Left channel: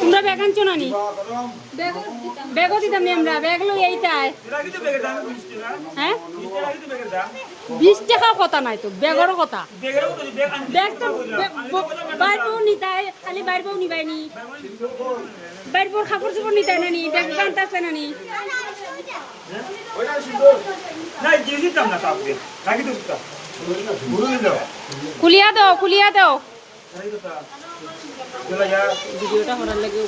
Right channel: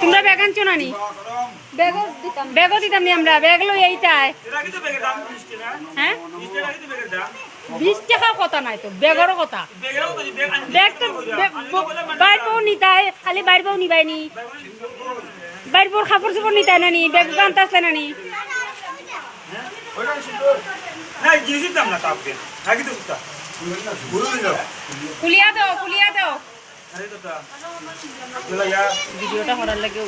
তোমরা ব্যাগ আনছো না নি? ব্যাগও দিতাম নি আমরা, ব্যাগ লই এইটাই। হ্যাঁ 20 টাকার কথা নাই তো, ব্যাগেরও কথা। ব্যাগ তো বাইরবো নিতাই, খালি বাইরবো নিবাইনি, বাইরবোর কাপড় চোপড় নিতাই নানি, ব্যাগ বানতে আসলে নানি। খুলিয়া দাও, খুলিয়া দাও। ভিডিওটা করার লাগে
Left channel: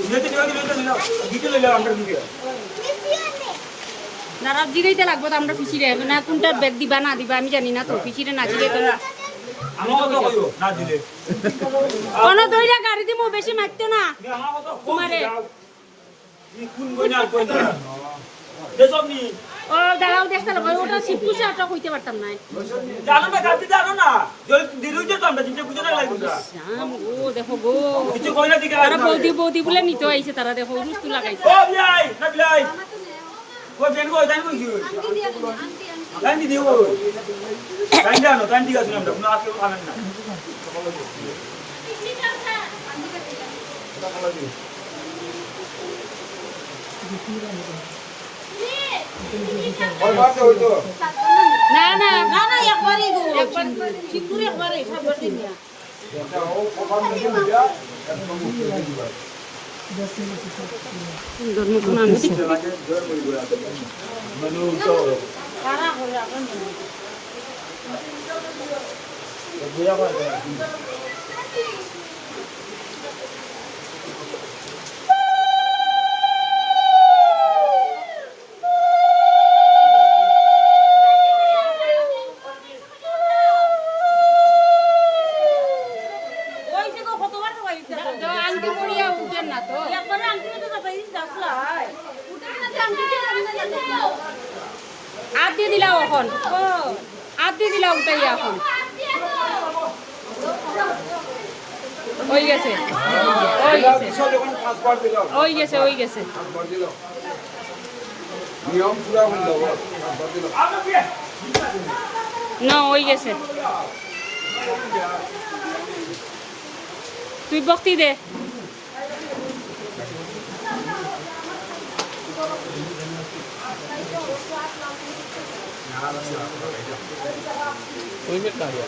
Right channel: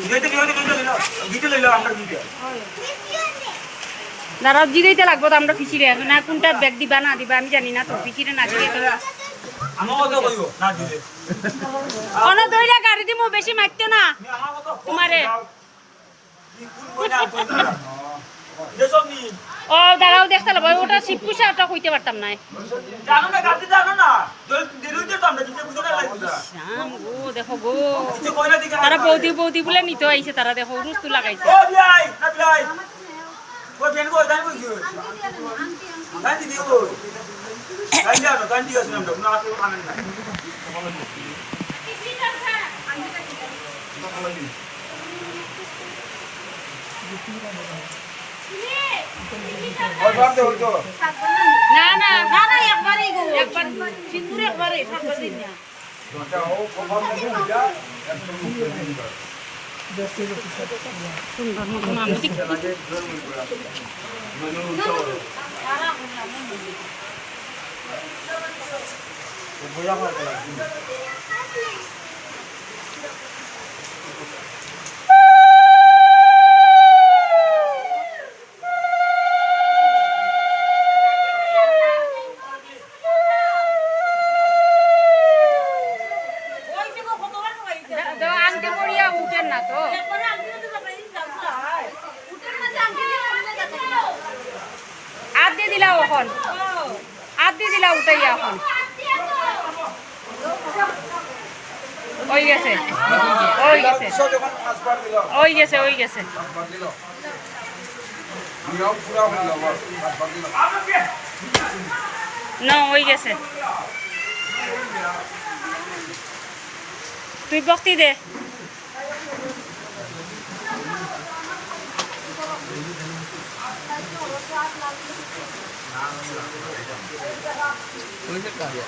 দাঁড়াও, জিগাইতে লাগবো তো আমরা ফিসিরে না, কোনটার ব্যাগ দিবা না দিবা আমি জানি না তো, ফিসিরে না জিগাই তো কোনো দইরা গাড়ি দিমু, বেশি মারতে না তোমারে। ও দাঁড়াও দেখতে লাগবো, ওটা শিবকুশা, ওটা কইতে পারতাম না। শ্যাম গো, দেখো গো, তারা বৌদি বৌদি বলে নিতে আইছে, তারা দেখো রুস্তু লাগাইছে। না না না না, একবারই গো, একবার সিন্দুর একবারে, সাতবার দিন না। সুন্দর মতন আমি আন্টি পড়িয়া উঠেন না তো, আদ দিয়ে দিলাও এখন, আদ দিয়ে দিলা উঠাইয়া এখন। ওই গেছে, ওই গেছে, ওই গেছে, ওই গেছে। না ওই গেছে, তুই বক্তি দে। कोई नहीं कार्य